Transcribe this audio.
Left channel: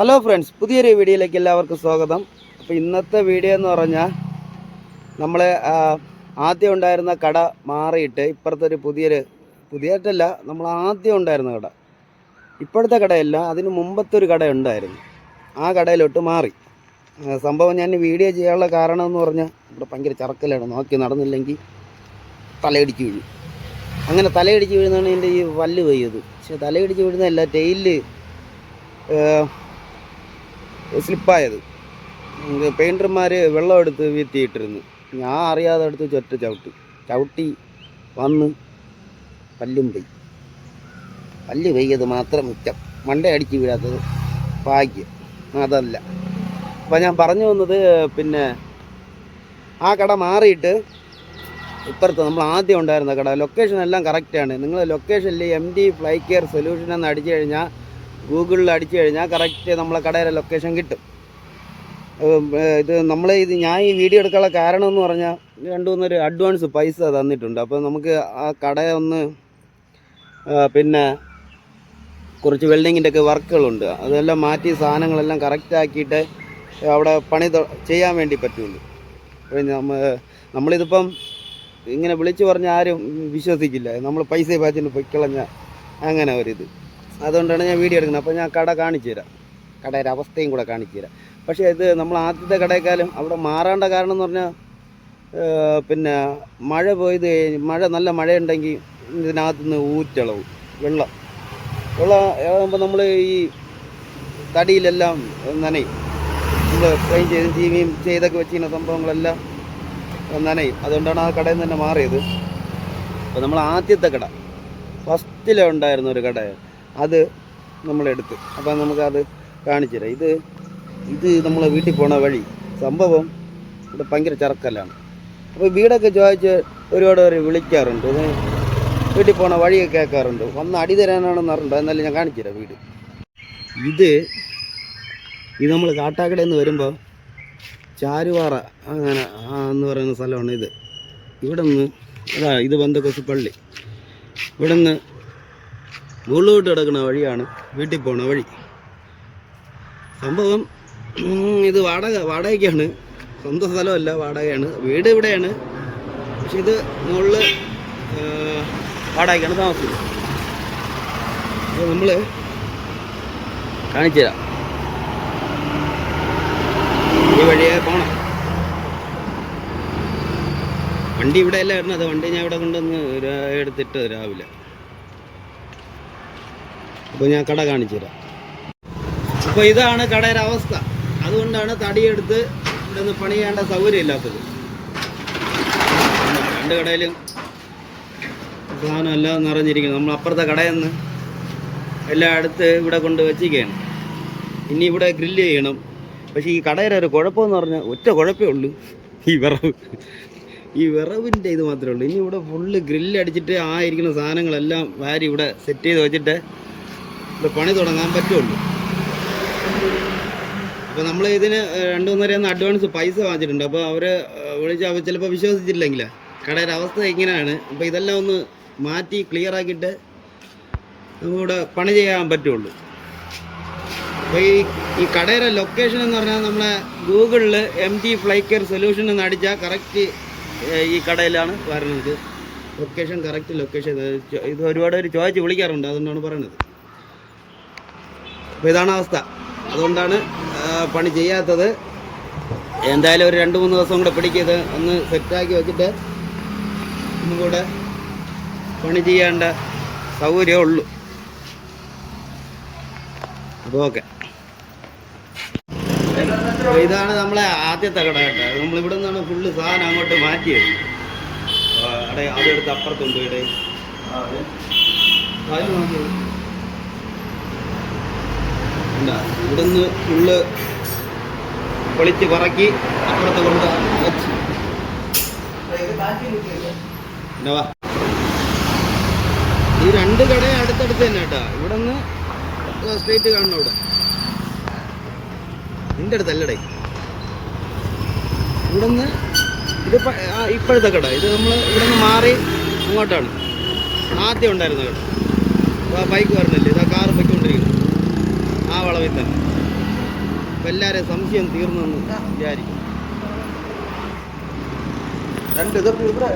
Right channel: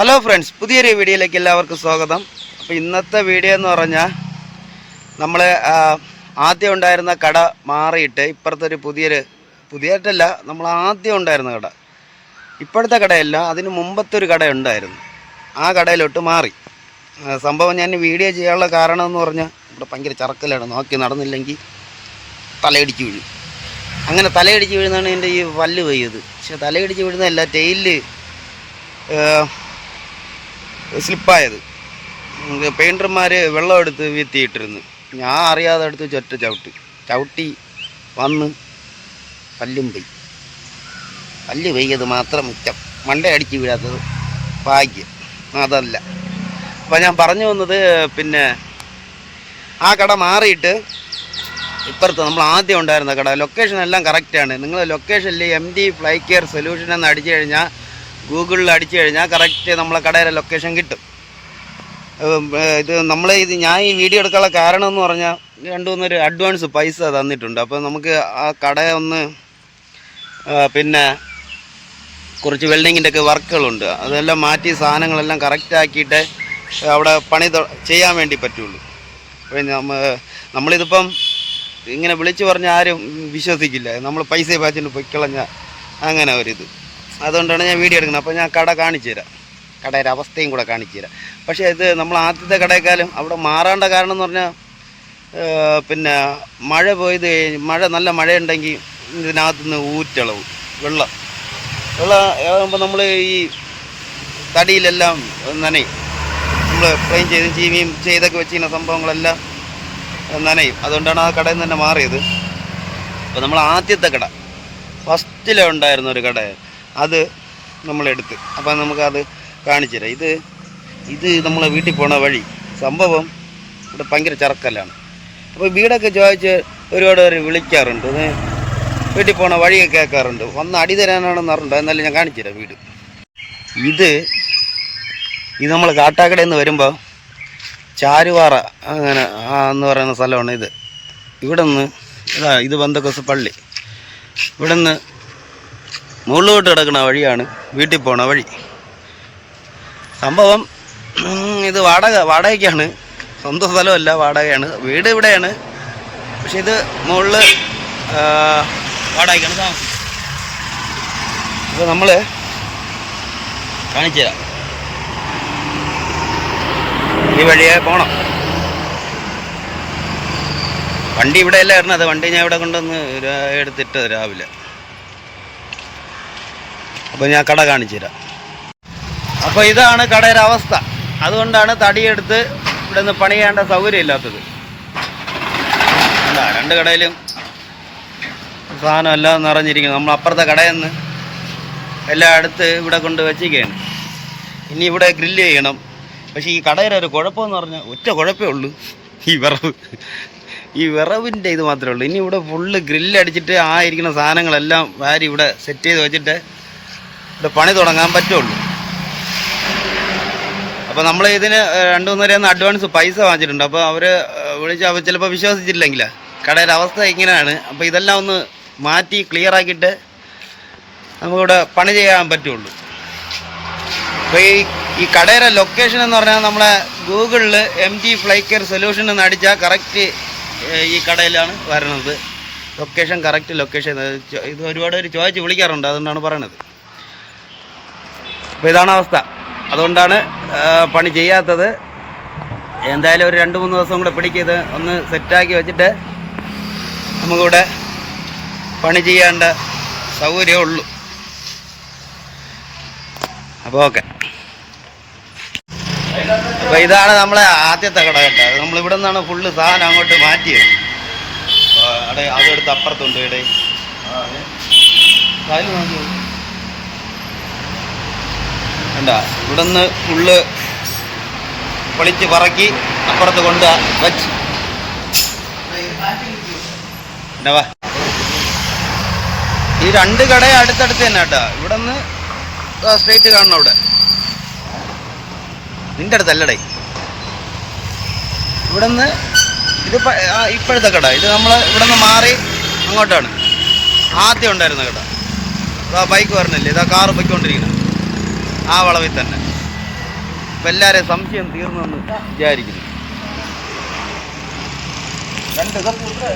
Hello friends, പുതിയൊരു വീഡിയോയിലേക്ക് എല്ലാവർക്കും സ്വാഗതം. അപ്പോൾ ഇന്നത്തെ വീഡിയോ എന്ന് പറഞ്ഞാൽ നമ്മൾ ആദ്യം ഉണ്ടായിരുന്ന കട മാറിയിട്ട് ഇപ്പുറത്തെ ഒരു പുതിയതായിട്ടല്ല, നമ്മൾ ആദ്യം ഉണ്ടായിരുന്ന കട, ഇപ്പോഴത്തെ കടയല്ല, അതിന് മുമ്പത്തെ ഒരു കട ഉണ്ടായിരുന്നു. ആ കടയിലോട്ട് മാറി. സംഭവം ഞാൻ വീഡിയോ ചെയ്യാനുള്ള കാരണം എന്ന് പറഞ്ഞാൽ ഇവിടെ ഭയങ്കര ചറക്കലാണ്. നോക്കി നടന്നില്ലെങ്കിൽ തലയിടിച്ച് വീഴും. അങ്ങനെ തലയിടിച്ച് വീഴുന്നതാണ് എൻ്റെ ഈ വല്ല് പെയ്യത്. പക്ഷെ തലയിടിച്ച് വീഴുന്നതല്ല, ടെയിലിൽ സ്ലിപ്പായത്. പെയിൻറ്റർമാർ വെള്ളം എടുത്ത് വീത്തിയിട്ടിരുന്നു. ഞാൻ അറിയാതെ എടുത്ത് ചവിട്ടി വന്ന് പല്ലും പോയി. പല്ല് പെയ്യത് മാത്രം മിച്ചം, മണ്ട അടിച്ച് വീഴാത്തത് ഭാഗ്യം. അതല്ല, അപ്പോൾ ഞാൻ പറഞ്ഞു വന്നത്, പിന്നെ ആ കട മാറിയിട്ട് ഇപ്പുറത്ത് നമ്മൾ ആദ്യം ഉണ്ടായിരുന്ന കട, ലൊക്കേഷൻ എല്ലാം കറക്റ്റാണ്. നിങ്ങൾ ലൊക്കേഷനിൽ MD ഫ്ലൈ കെയർ സൊല്യൂഷൻ എന്ന് അടിച്ചു കഴിഞ്ഞാൽ, ഗൂഗിളിൽ അടിച്ചു കഴിഞ്ഞാൽ കറക്റ്റ് നമ്മളെ കടയുടെ ലൊക്കേഷൻ കിട്ടും. ഞാൻ ഈ വീഡിയോ എടുക്കാനുള്ള കാരണം എന്ന് പറഞ്ഞാൽ, 2-3 അഡ്വാൻസ് പൈസ തന്നിട്ടുണ്ട്. അപ്പോൾ നമുക്ക് ആ കടയെ ഒന്ന് പിന്നെ കുറച്ച് വെൽഡിങ്ങിൻ്റെ ഒക്കെ വർക്കുകളുണ്ട്, അതെല്ലാം മാറ്റി സാധനങ്ങളെല്ലാം കറക്റ്റാക്കിയിട്ട് അവിടെ പണി ചെയ്യാൻ വേണ്ടി പറ്റുള്ളൂ. അപ്പോൾ നമ്മളിതിപ്പം ഇങ്ങനെ വിളിച്ചു പറഞ്ഞാൽ ആരും വിശ്വസിക്കില്ല. നമ്മൾ പൈസ പാച്ചിട്ട് പൊയ്ക്കളഞ്ഞ അങ്ങനെ ഒരിത്. അതുകൊണ്ടാണ് ഞാൻ വീഡിയോ എടുക്കുന്നത്. അപ്പോൾ ഞാൻ കട കാണിച്ചു തരാം, കടയുടെ അവസ്ഥയും കൂടെ കാണിച്ചു തരാം. പക്ഷേ ഇത് നമ്മൾ ആദ്യത്തെ കടയേക്കാളും അവിടെ മാറേണ്ട കാരണം എന്ന് പറഞ്ഞാൽ, പിന്നെ മഴ നല്ല മഴയുണ്ടെങ്കിൽ ഇതിനകത്തുനിന്ന് ഊറ്റളവ് വെള്ളം ആകുമ്പോൾ നമ്മൾ ഈ തടിയിലെല്ലാം നനയും. നമ്മൾ ക്ലീൻ ചെയ്തും ചീവിയും ചെയ്തൊക്കെ വെച്ചിരുന്ന സംഭവങ്ങളെല്ലാം നനയും. അതുകൊണ്ടാണ് ആ കടയിൽ നിന്ന് തന്നെ മാറിയത്. അപ്പോൾ നമ്മൾ ആദ്യത്തെ കട, ഫസ്റ്റിലുണ്ടായിരുന്ന ഒരു കട, അത് നമ്മളെടുത്ത്. അപ്പോൾ നമുക്കത് കാണിച്ചു തരാം. ഇത് നമ്മളെ വീട്ടിൽ പോണ വഴി. സംഭവം ഇവിടെ ഭയങ്കര ചറക്കല്ലാണ്. അപ്പോൾ വീടൊക്കെ ചോദിച്ച് ഒരുപാട് പേര് വിളിക്കാറുണ്ട്, വീട്ടിൽ പോണ വഴിയൊക്കെ കേൾക്കാറുണ്ട്. വന്ന് അടി തരാനാണെന്ന് പറഞ്ഞിട്ട്, എന്നാലും ഞാൻ കാണിച്ചു തരാം വീട്. ഇത് നമ്മൾ കാട്ടാക്കടയിൽ നിന്ന് വരുമ്പോൾ ചാരുവാറ അങ്ങനെ എന്ന് പറയുന്ന സ്ഥലമാണ് ഇത്. ഇവിടെ നിന്ന് ഇത് ബന്ധക്കോസ് പള്ളി. ഇവിടെ നിന്ന് മുകളിലോട്ട് കിടക്കുന്ന വഴിയാണ് വീട്ടിൽ പോണ വഴി. സംഭവം ഇത് വാടകയ്ക്കാണ്, സ്വന്തം സ്ഥലമല്ല, വാടകയാണ്. വീട് ഇവിടെയാണ്, പക്ഷെ ഇത് മുകളിൽ വാടകയ്ക്കാണ് താമസിക്കുന്നത്. അപ്പോൾ നമ്മൾ കാണിച്ചു തരാം, ഈ വഴിയെ പോകണം. വണ്ടി ഇവിടെ അല്ല ഇറങ്ങുന്നത്, വണ്ടി ഞാൻ ഇവിടെ കൊണ്ടുവന്ന് എടുത്തിട്ട് രാവിലെ. അപ്പോൾ ഞാൻ കട കാണിച്ചു തരാം. അപ്പോൾ ഇതാണ് കടയുടെ അവസ്ഥ. അതുകൊണ്ടാണ് തടിയെടുത്ത് ഇവിടെ നിന്ന് പണി ചെയ്യേണ്ട സൗകര്യം ഇല്ലാത്തത്. രണ്ട് കടയിലും സാധനം എല്ലാം നിറഞ്ഞിരിക്കുന്നു. നമ്മൾ അപ്പുറത്തെ കടയിൽ നിന്ന് എല്ലാം എടുത്ത് ഇവിടെ കൊണ്ട് വെച്ചിരിക്കുകയാണ്. ഇനി ഇവിടെ ഗ്രില്ല് ചെയ്യണം. പക്ഷേ ഈ കടയുടെ ഒരു കുഴപ്പമെന്ന് പറഞ്ഞാൽ ഒറ്റ കുഴപ്പമേ ഉള്ളൂ, ഈ വിറവിൻ്റെ ഇത് മാത്രമേ ഉള്ളൂ. ഇനി ഇവിടെ ഫുള്ള് ഗ്രില്ലടിച്ചിട്ട് ആ ഇരിക്കുന്ന സാധനങ്ങളെല്ലാം വാരി ഇവിടെ സെറ്റ് ചെയ്ത് വെച്ചിട്ട് ഇവിടെ പണി തുടങ്ങാൻ പറ്റുള്ളൂ. അപ്പോൾ നമ്മൾ ഇതിന് 2-3 അഡ്വാൻസ് പൈസ വാങ്ങിച്ചിട്ടുണ്ട്. അപ്പോൾ അവർ വിളിച്ച് ചിലപ്പോൾ വിശ്വസിച്ചിട്ടില്ലെങ്കിൽ, കടയുടെ അവസ്ഥ ഇങ്ങനെയാണ്. അപ്പോൾ ഇതെല്ലാം ഒന്ന് മാറ്റി ക്ലിയർ ആക്കിയിട്ട് നമുക്കിവിടെ പണി ചെയ്യാൻ പറ്റുള്ളൂ. അപ്പോൾ ഈ കടയുടെ ലൊക്കേഷൻ എന്ന് പറഞ്ഞാൽ, നമ്മളെ ഗൂഗിളിൽ MD ഫ്ലൈ കെയർ സൊല്യൂഷൻ എന്ന് അടിച്ചാൽ കറക്റ്റ് ഈ കടയിലാണ് വരണത്. Correct location. ഇത് ഒരുപാട് പേര് ചോദിച്ച് വിളിക്കാറുണ്ട്, അതുകൊണ്ടാണ് പറയണത്. അപ്പോൾ ഇതാണ് അവസ്ഥ. അതുകൊണ്ടാണ് പണി ചെയ്യാത്തത്. എന്തായാലും ഒരു 2-3 ദിവസം കൂടെ പിടിക്കത് ഒന്ന് സെറ്റാക്കി വെച്ചിട്ട് നമുക്കിവിടെ പണി ചെയ്യേണ്ട സൗകര്യമേ ഉള്ളൂ. അപ്പോൾ ഓക്കെ. അപ്പോൾ ഇതാണ് നമ്മളെ ആദ്യത്തെ കട കേട്ടോ. നമ്മളിവിടെ നിന്നാണ് ഫുള്ള് സാധനം അങ്ങോട്ട് മാറ്റിയത്. അവിടെ അതെടുത്ത് അപ്പുറത്തുണ്ട്. ഇവിടെ കണ്ട, ഇവിടെ നിന്ന് ഫുള്ള് പൊളിച്ച് പറക്കി അപ്പുറത്ത് കൊണ്ട് വച്ച്. വാ, ഈ 2 കട അടുത്തടുത്ത് തന്നെ കേട്ടോ. ഇവിടെ നിന്ന് സ്ട്രേറ്റ് കാണണം. അവിടെ നിൻ്റെ അടുത്തല്ലടേ. ഇവിടെ നിന്ന് ഇത് ഇപ്പോഴത്തെ കട. ഇത് നമ്മൾ ഇവിടെ നിന്ന് മാറി അങ്ങോട്ടാണ് ആദ്യം ഉണ്ടായിരുന്ന കട. ഇതാ ബൈക്ക് വരണില്ലേ, ഇതാ കാറ് പൊയ്ക്കൊണ്ടിരിക്കുന്നത് ആ വളവിൽ തന്നെ. അപ്പം എല്ലാവരെയും സംശയം തീർന്നെന്ന് വിചാരിക്കുന്നു. രണ്ട് ഇതൊക്കെ ഇവിടെ